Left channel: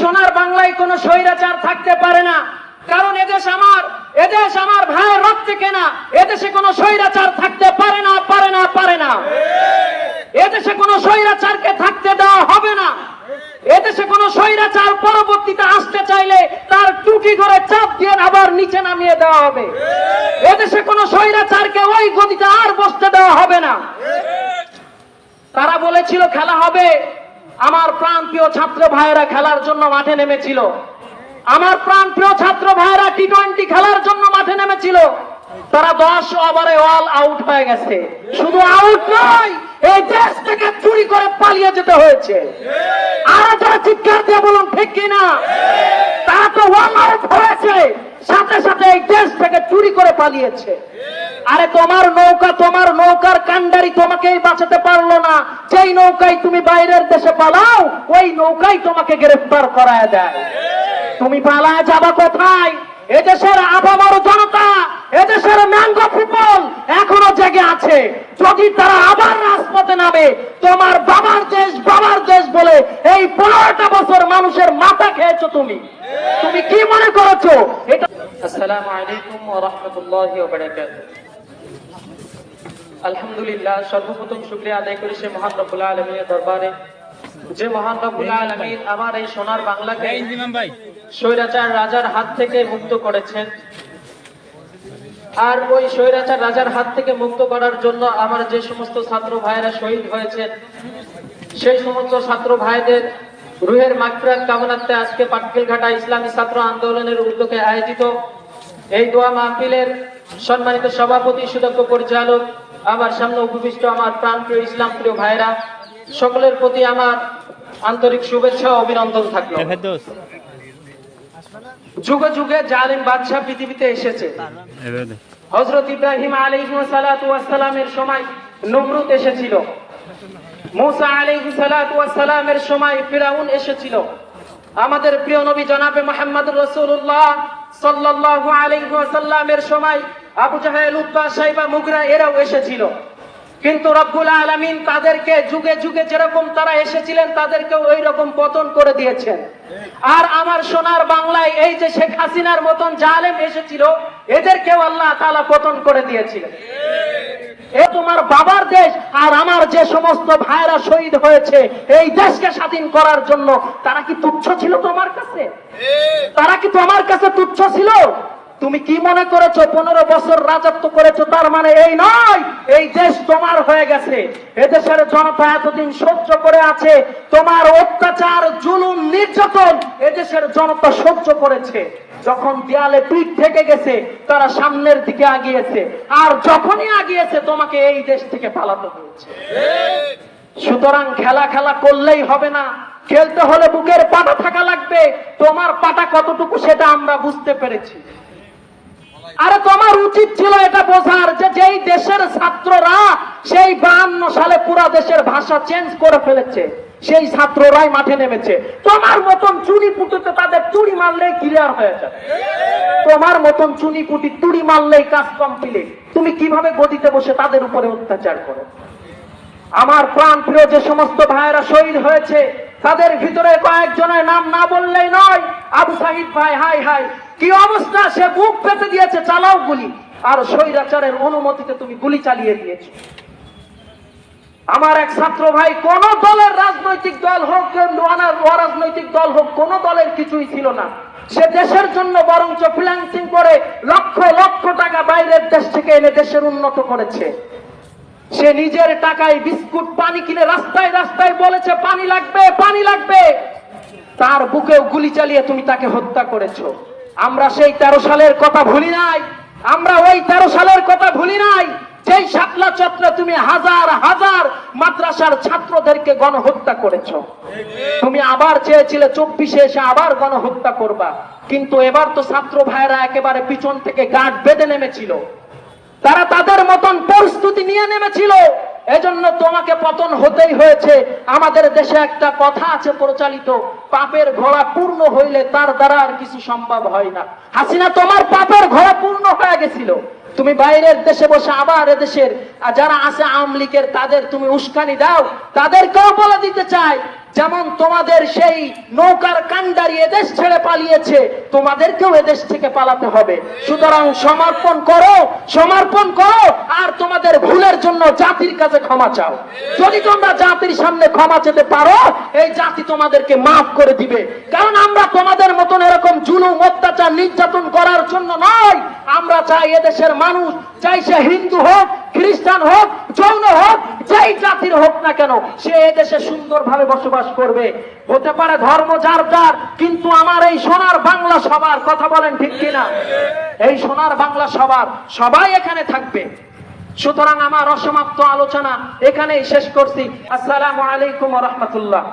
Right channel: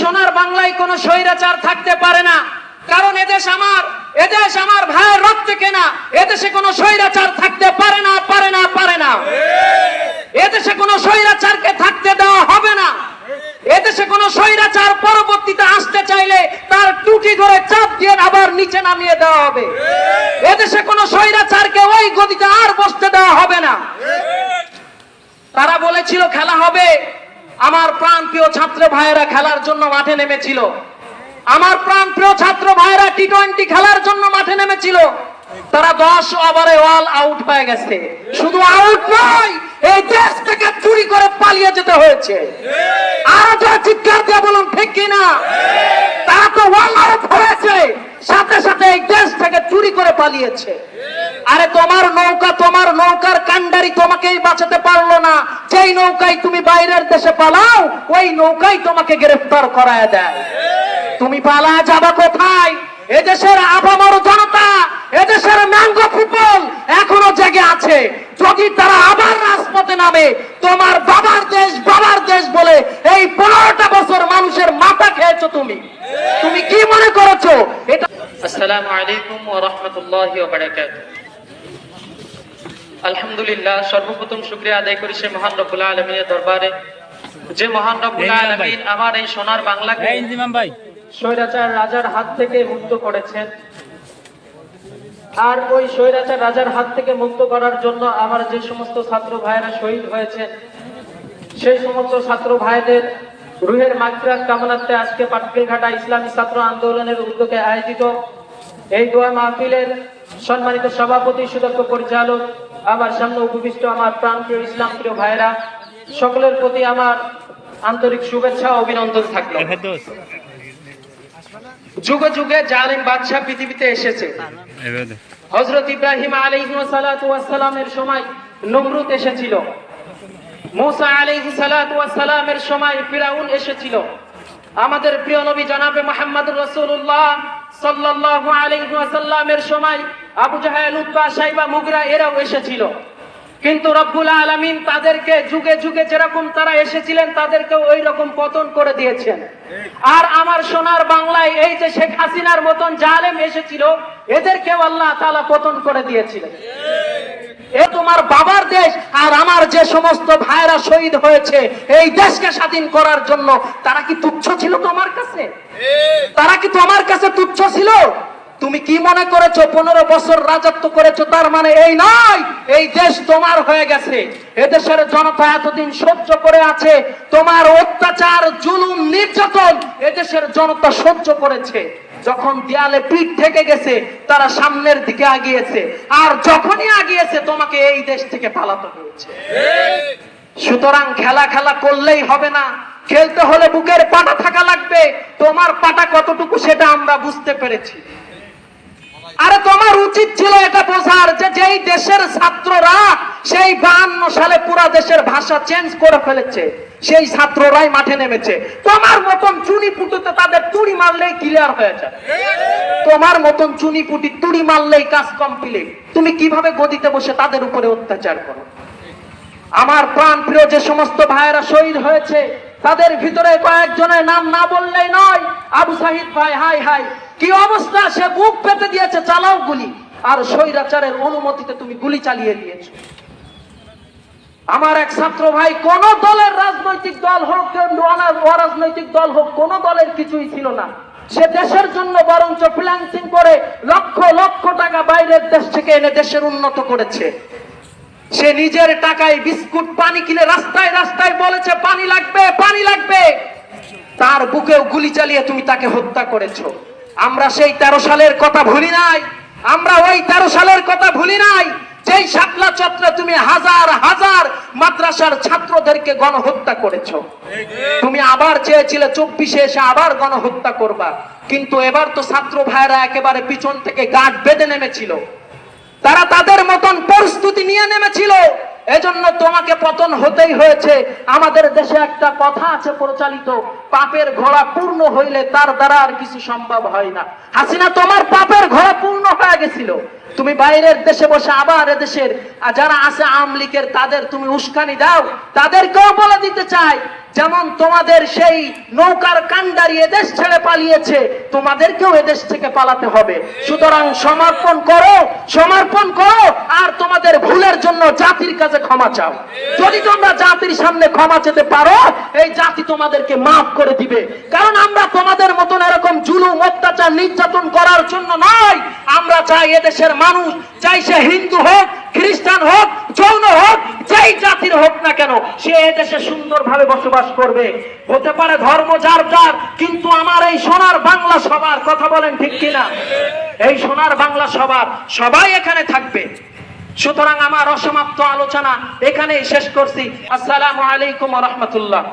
সোনার বাংলায় কোনো স্বৈরাচার থাকতে পারে না, কারণ এদেশ আমার ভাইয়ের রক্তে কেনা। এদেশে কোনো স্বৈরাচার থাকতে পারে না, পারে না, পারে না। এদেশে কোনো স্বৈরাচারকে থাকতে দেওয়া হবে না। এদেশে কোনো স্বৈরাচার পরবর্তীতে আসতে চাইলে তার টুটি ধরে চাপ দিয়ে আবার নিচে নামিয়ে দেওয়া হবে। এদেশে কোনো স্বৈরাচারকে ওই গদিতে আর বসতে দেওয়া হবে না। তারা বলেছিল খেলা হবে, আমার প্রাণপ্রিয় ছাত্র ভাইয়েরা খেলার জন্য মাঠে নেমেছিল। আমার প্রাণপ্রিয় ছাত্র ভাইয়েরা টি-20 খেলার জন্য মাঠে নেমেছিল। তারা 10 ওভারে অল আউট হয়ে গেছে। শুধু আউট নয়, এই দেশ থেকে চুরি করে পালিয়ে যেতে হয়েছে। আর যারা চিৎকার দিয়ে বলুন ঠিক কিনা? তারা তো অল আউট হয়েছে, সাথে সাথে এই দেশ থেকে চুরি করে পালিয়েছে। আরে তোমার নৌকা, তোমার নৌকার কান্ডারি তোমাকেই বাঁচাতে পারলো না। যেই নৌকায় তুমি বাইরের দেশে পালাও, ওই নৌকাই তোমাকে গ্রেফতার করায় দেয়। তুমি পালা যাবা কোথায়? এদেশের আপামর জনতা, এদেশের ম্যাঙ্গো পিপল এখনো জেগে আছে। যদি তারা আবার রাজপথে নামে, তোমার বাবার দেশ বলে এই 15টা বছর মানুষের মাথা খেয়েছো তুমি। তুমি কি মনে করেছো এটা? আসসালামু আলাইকুম ওয়া রাহমাতুল্লাহি ওয়া বারাকাতুহু। আলহামদুলিল্লাহ, সর্বপ্রথম শুকরিয়া আদায় করি সে মহান রব্বুল আলামিনের দরবারে, যে মহান রব্বুল আলামিন আমার এই সোনার বাংলাকে স্বৈরাচার রাজার হাত থেকে মুক্ত করেছেন। আর ওই স্বৈরাচার রাজার হাত থেকে মুক্ত করার জন্য আমার যে সমস্ত ছাত্র ভাইয়েরা শহীদ হয়েছেন, সেই সমস্ত ছাত্র ভাইদের রুহের মাগফিরাত কামনার্থে আজকে পাটকেলঘাটা ইসলামী ছাত্র আন্দোলনের উদ্যোগে আয়োজিত এই দোয়া মাহফিলের সম্মানিত সভাপতি, সুদক্ষ পরিচালক, আমার সামনে উপবিষ্ট আমার প্রাণপ্রিয় ইসলাম প্রিয় ভাইরা, সকলের প্রতি আমার আন্তরিক শুভেচ্ছা ও অভিনন্দন থাকলো। যুগে যুগে জালিম বাদশা পৃথিবীতে এসেছে। হযরত ইব্রাহিম আলাইহিস সালাতু ওয়াস সালামের সময় নমরুদ এসেছিল। মুসা আলাইহিস সালাতু ওয়াস সালামের সময় ফিরাউন এসেছিল। আমাদের প্রিয় নবী জনাবে মুহাম্মদুর রাসূলুল্লাহ সাল্লাল্লাহু আলাইহি ওয়াসাল্লামের সময় আবু জাহেল, উতবা, শাইবা, মুগরা এরাও এসেছিল। কিন্তু রব্বুল আলামিন তাদেরকে যুগে যুগে যেরকম তারা এসেছিলেন তাদেরকে ওই রকম পতন করে দিয়েছেন। আর আমার সোনার বাংলায় এই যে শেখ হাসিনার মতন জালেম এসেছিল, এদেরকেও আল্লাহ তাআলা পতন করে দিয়েছিলেন। এ তোমার বাবার দেশ। আর আমার যে সমস্ত ভাইরা শহীদ হয়েছে এই দেশকে স্বাধীন করার জন্য, তারা কি তুচ্ছ ছিল তোমার কাছে? তারা কি তোমার কাছে তুচ্ছ ছিল? তুমি কি মনে করেছো 15 বছর রাজত্ব করেছো, তার মানে এই নয় এই দেশ তোমার হয়ে গেছে। এদেশের জনতা এতদিন সহ্য করে আছে তোমার অত্যাচার, জুলুম, নির্যাতন এদেশের জনতা সহ্য করেছে। যখন দেয়ালে পিঠ থেকে গেছে তারা সামনের দিকে আগিয়েছে, আর যখনই আগিয়েছে তোমাকে এই দেশ থেকে পালাতে হয়েছে। সুতরাং খেলা করলেই হবে না, খেলতে হলে বুকের পাটা থাকা লাগবে। তোমার পাটা কতটুকু সেটা আমরা বুঝতে পেরেছি। আরে তোমার উচিত ছিল এটা বোঝার যে যেই দেশের ছাত্ররা সেই 52 সালে পুরা দেশের ভাষা চেঞ্জ করে ফেলেছে, সেই ছাত্ররাই মাঠে নেমেছে। তোমার মতন চুনিপুটিতে তাদের তুড়ি মারলেই ক্লিয়ার হয়ে যায়। তোমার মতন চুনিপুটি তুড়ি মারলেই কাজ কমপ্লিট। তুমি কিভাবে গদিতে বসে তাদের উপরে অত্যাচার করো? আমার প্রাণ প্রিয় যে সমস্ত ভাইয়েরা শহীদ হয়েছে তাদের ভিতরে কয়েকজনের নাম না বললেই নয়। আবু সাহিদ ভাই, হাই হাই কি অবস্থা, সে বুক পেতে দিয়েছে, চালাও গুলি। আর স্বৈরাচারের অনুমতিতে তুমি গুলি চালিয়ে দিয়েছো। আমার এক ছাত্র ভাই, কোন দলের রাজনৈতিক দল হোক, অরাজনৈতিক দল হোক, কোন দলের কিছুই ছিল না। সে দেশের জন্য বরঞ্চ ফ্রিল্যান্সিং করে লক্ষ লক্ষ টাকা বাইরের দেশ থেকে এনে দেশের উন্নত করেছে। সে নিজের টাকায় বিস্কুট, পানি কিনে রাস্তায় রাস্তায় বলেছে পানি লাগবে, পানি লাগবে। তার বুকেও গুলি চালিয়ে তুমি তাকে হত্যা করেছো। আমরা সেই 13 সালের কথা ভুলি নাই। আমরা ওই 13 সালের কথা ভুলি নাই, যেই শাপলা চত্বরে তুমি হাজার হাজার মাদ্রাসার ছাত্রদেরকে গণহত্যা করেছো। তুমি আবার চেয়েছিলে 24-এ এসে আবার গণহত্যা করবা, কিন্তু এবার তো ছাত্র ভাইরা একেবারে পিছন থেকে গাঁট বেঁধে নেমেছিল। তারা তাদের মতন প্রস্তুতি নিয়ে নেমেছিল, এজন্য তোমাকে পতন হতেই হয়েছে। আমাদের দেশে একটা কথা আছে প্রচলিত, পাপের ঘোড়া পূর্ণ হইলে তার দ্বারা আর কিছু সম্ভব হয় না। হাসিনা, তোমার পাপের ঘোড়া পূর্ণ হয়ে গেছিল। তুমি বাইরের দেশে বসে আবার এদেশের যারা আছে আওয়ামী লীগের তাদের তুমি উস্কানি দাও। তাদেরকেও বলে দিতে চাই যেমন তোমাদের সেই নৌকার কান্ডারি এদেশ ছেড়ে পালিয়েছে, তোমাদেরকেও এদেশ থেকে পালাতে হবে। সুতরাং সমর্পণ করো, সমর্পণ করো, আর তোমাদের ভুলের জন্য জাতির কাছে ক্ষমা চাও। যদি তোমরা জাতির সামনে ক্ষমা চেতে পারো, এই জাতি তোমাদেরকে মাফ করে দিবে। কারণ আমরা তোমাদের মতন এরকম জুলুম, অত্যাচার, নির্যাতন করার জন্য নয়। আমরা চাই এদেশের মানুষ, চাই সে হিন্দু হোক, খ্রিস্টান হোক, জৈন হোক, যেই জাতির হোক না কেন, সে এদেশে সুন্দরভাবে বসবাস করবে। হতে পারে ধর্ম যার যার, কিন্তু আমার এই সোনার বাংলা সবার। কথা বলেন ঠিক কিনা? এই সোনার বাংলা সবার, সবাই এখানে থাকবে। সুতরাং আমার অসমাপ্ত আলোচনা এখানেই শেষ করছি। আসসালামু আলাইকুম ওয়া রাহমাতুল্লাহ।